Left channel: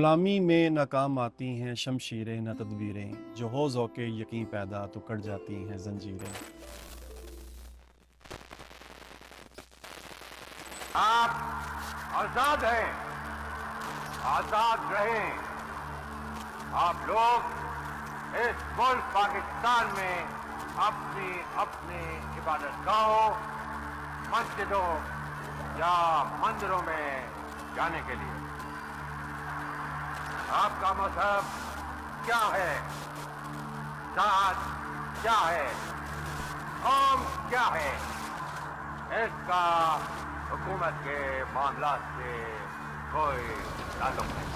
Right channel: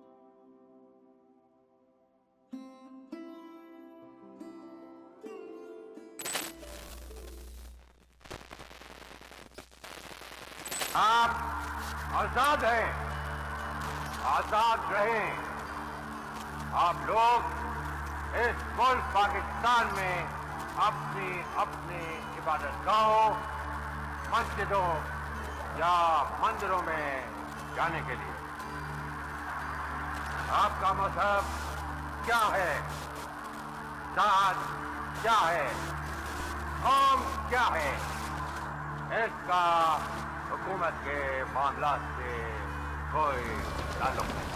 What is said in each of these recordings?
गुलामी में नाकाम आती हैं शमशीरें न तदबीरें, जो हो ज़ौक़े यकीन पैदा तो कट जाती हैं जंजीरें। आप आजाद हैं, आजाद रहें। आप लोग इस मुल्क पाकिस्तान में अपनी अपनी इबादतगाहों, मस्जिदों या मंदिरों में जाने के लिए। आपका मजहब क्या है, जात क्या है, कौम क्या है, इसका हुकूमत के मामलात से कोई ताल्लुक नहीं।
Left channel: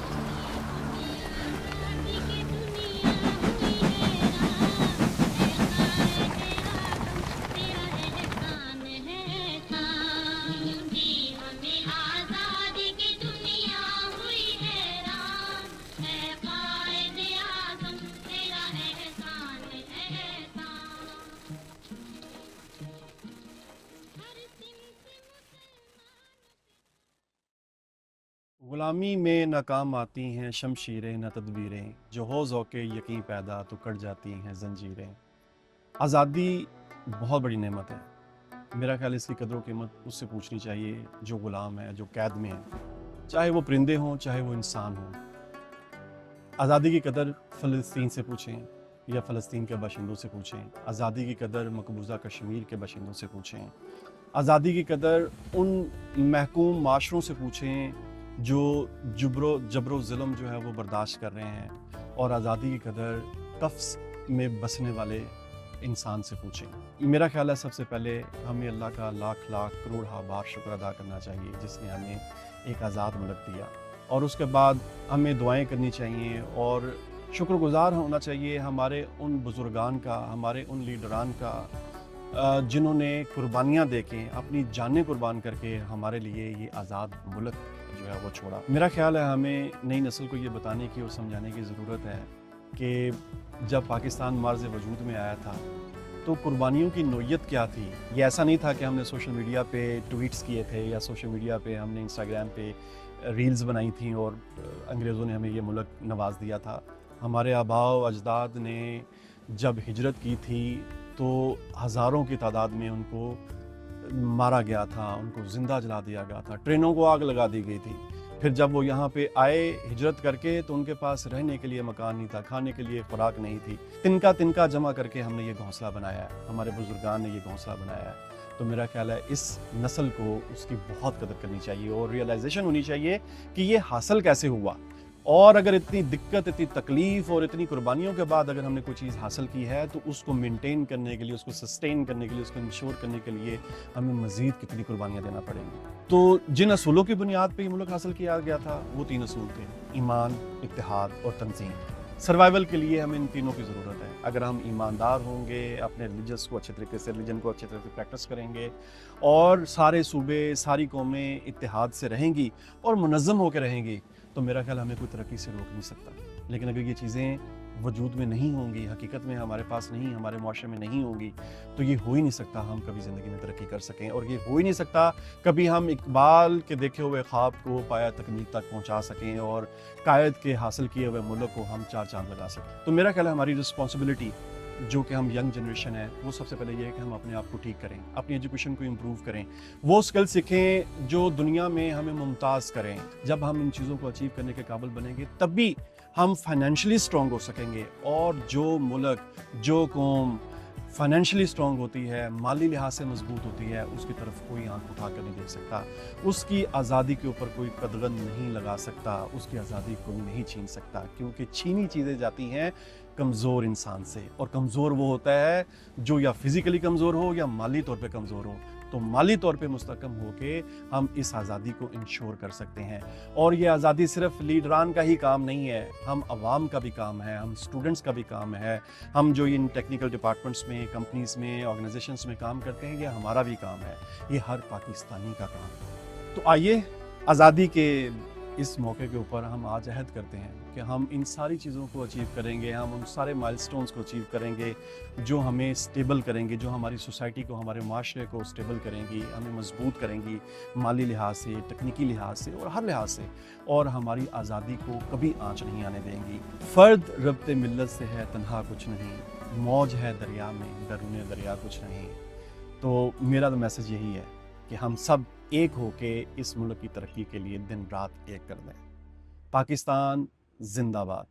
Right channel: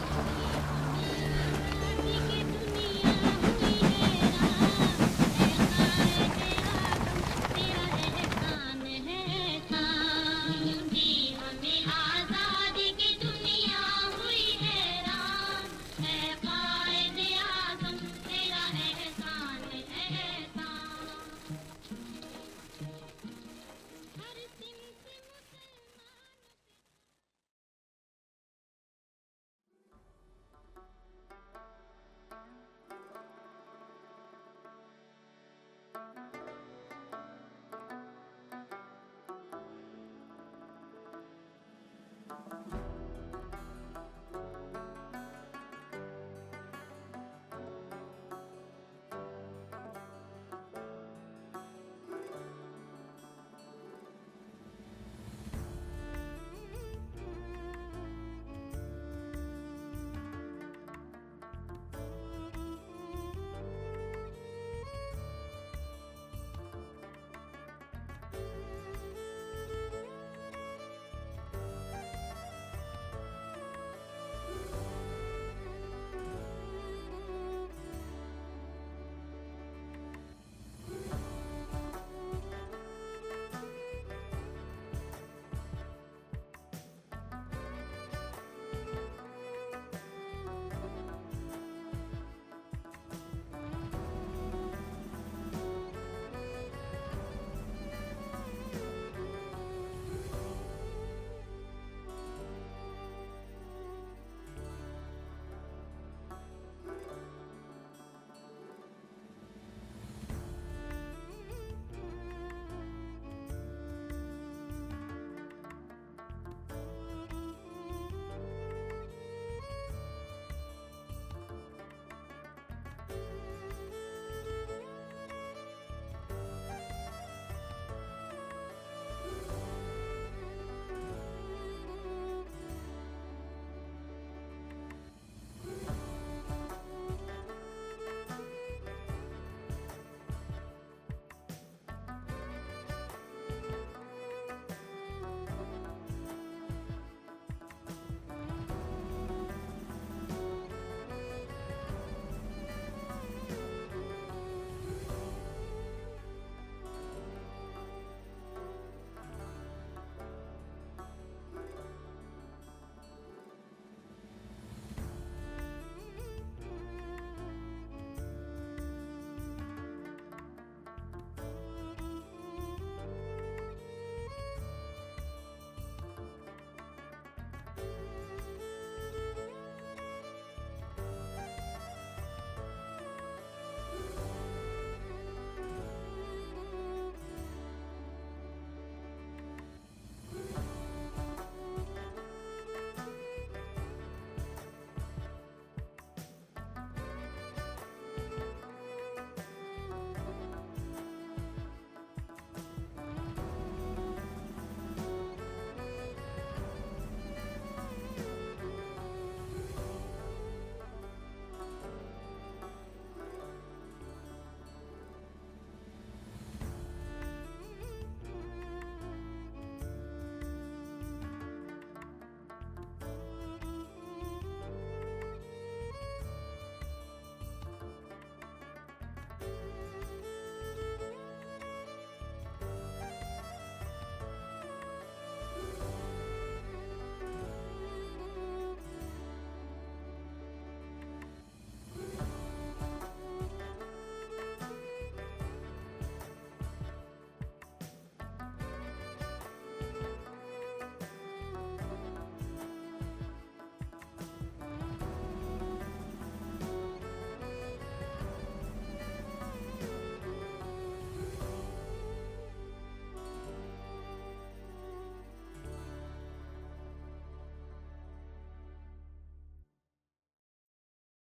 गुलामी में नाकाम आती हैं शमशीरें न तदबीरें, जो हो ज़ौक़े यकीन पैदा तो कट जाती हैं जंजीरें। आज़ादी बहुत बड़ी नेमत है। मेरा ख्याल इसकी कदर कीमत उससे पूछनी चाहिए जो ग़ुलाम है, जो कैद में है, चाहे वो परिंदे हों, चाहे वो इंसान हों। आज़ादी की कदर फ़लस्तीन से पूछें या फ़लस्तीन के बाशिंदों से पूछें। आज़ादी की कदर मकबूजा कश्मीर के बाशिंदों से पूछें। आज़ादी की कदर उन महकूम माशरों से पूछें जो जबरो ज़ुल्म जो है वो बर्दाश्त कर रहे हैं। और आज़ादी की कदर कफ्स में बसने वाले इंसान से पूछें। मेरा ख्याल है सबसे पहले हमें अल्लाह का लाख लाख करोड़ बार शुक्र अदा करना चाहिए जिसने हमें एक आज़ाद मुल्क दिया। और उसके बाद हमें दुआएं करनी चाहिए और शुक्रगुज़ार होना चाहिए हमारे उन बुज़ुर्गान का, हमारे उन लीडरान का जिन्होंने कुर्बानियाँ दे के अपनी जानें कुर्बान करके हमारे लिए ये आज़ाद मुल्क जो है वो छोड़ा। मेरा ख्याल है हमें नई नस्ल को ये बताने की और समझाने की ज़रूरत है कि जब पाकिस्तान मार्ज़ वजूद में आया था तो कुर्बानियों की नोयत क्या थी। ये ऐसा नहीं था कि हमने सोशल मीडिया पे ट्वीट्स किए थे या सोशल मीडिया पे हमने इंस्टाग्राम पे रील्स बनाई थी और अंग्रेज़ों ने हमें ये मुल्क नवाज दिया था। हमारे आबाओ अजदाद ने जब हिजरत की थी तो हज़ारों की तादाद में उनको मारा गया था, उनको ज़िंदा जला दिया गया था, ट्रेनों को आग लगा दी गई थी। फिर जब वो यहाँ पे आए हिजरत करके तो उनके पास रहने के लिए मकान नहीं था, खाने के लिए खुराक नहीं थी। तिनका तिनका जमा करके हमने ये घोंसला बनाया है, हमारे बुजुर्गान ने ये घोंसला बनाया है। तो मेरा ख्याल है इस नस्ल को उसकी बहुत कदर करनी चाहिए और रियलाइजेशन होनी चाहिए कि ये हासिल कैसे हुआ। और अगर इतनी दिक्कत, इतनी तकलीफ़ और इतनी कुर्बानियों के बाद अगर हमने कोई चीज़ हासिल की है तो उसको मेंटेन करने के लिए, उसको सस्टेन करने के लिए, उसको इंश्योर करने के लिए हमें मज़ीद कितनी कुर्बानियाँ देना पड़ेंगी। तो जिन असूलों की बुनियाद पे ये मुल्क हासिल किया गया था वो 3 असूल थे: ईमान, इत्तेहाद और तंज़ीम। सर्वाइवल के लिए हमें इन तीनों की ज़रूरत है। अगर हम ईमानदार होंगे, अपने रिलीजन को अच्छे तरीके से प्रैक्टिस करेंगे और सारे सूबे, सारी कौमें इत्तेहाद से रहेंगी और मुनज़्ज़म होकर रहेंगी तो मेरा ख्याल हमें कोई तरक्की से रोक नहीं सकता। लेकिन अगर ये चीज़ें वजूद में नहीं होंगी, हकीकत में हमारे पास नहीं, हमारे मुआशरे में नहीं होंगी तो ये हो ही नहीं सकता हम कभी ज़िंदगी में तरक्की कर सकें। और ये हो ही नहीं सकता कभी हम इकबाल के देखे हुए ख्वाब को पाया तकमील तक पहुँचा सकें और कायद के हासिल किए हुए मुल्क को हम 4 चाँद लगा सकें। तो मेरा ख्याल है हमारी रिस्पॉन्सिबिलिटी जो कि हम यंग जनरेशन है वो सबसे पहले ये है कि हम अपने आप को ठीक करें, अपनी एजुकेशन को इम्प्रूव करें, वो स्किल सीखें जो दुनिया में हमें मुमताज़ करें। जब हम इन चीज़ों को अचीव करने के काबिल बनेंगे तभी हम फाइनेंशियली स्ट्रॉन्ग हो सकेंगे। और जो मुल्क, जो कौम फाइनेंशियली स्ट्रॉन्ग होती है, माली लिहाज से मजबूत होती है, उसकी तरफ कोई आंख उठा कर नहीं देख सकता, उसकी आज़ादी के ऊपर कोई कदगन नहीं लगा सकता, उसकी आज़ादी कोई नहीं छीन सकता। क्योंकि छीनी चीज़ें जाती हैं कमज़ोर इंसान से और कमज़ोर वो होता है जो या फिज़िकली कमज़ोर हो या माली तौर पे कमज़ोर हो। तो माली तौर पे मुस्तकम होके हम इस आज़ादी को इंश्योर कर सकते हैं। और ये आज़ादी सिर्फ लीडरान का ही काम नहीं है, हम अवाम का भी काम है, हम स्टूडेंट्स का भी काम है, हम जो इन टेक्निकल डिपार्टमेंट्स में, कंपनीज़ में, ऑर्गेनाइजेशंस में काम करते हैं, ये हमारा भी काम है, ये हर पाकिस्तानी का काम है। तो आइए आज़ादी के इस मौके के ऊपर हम आज अहद करते हैं कि हम इन सारी चीज़ों को अचीव करेंगे, हम उन सारे माइलस्टोन्स को अचीव करेंगे जो हमें स्टेबल करेंगे, जो हमारी सोसाइटी को, हमारे माशरे को स्टेबल करेंगी, हमें मजबूत करेंगी माली लिहाज से, तकनीकी लिहाज से और हर लिहाज से, और हमारी आज़ादी को कभी आँच नहीं आने देंगी। फ़र्द रब्ते मिल्लत से है तन्हा कुछ नहीं, मौज है दरिया में दरूने दरिया कुछ नहीं। तो मेरा तो मैसेज यही है कि हम सब एक होके इस मुल्क की तरक्की के लिए दिन रात एक कर दें। पाकिस्तान जिंदाबाद।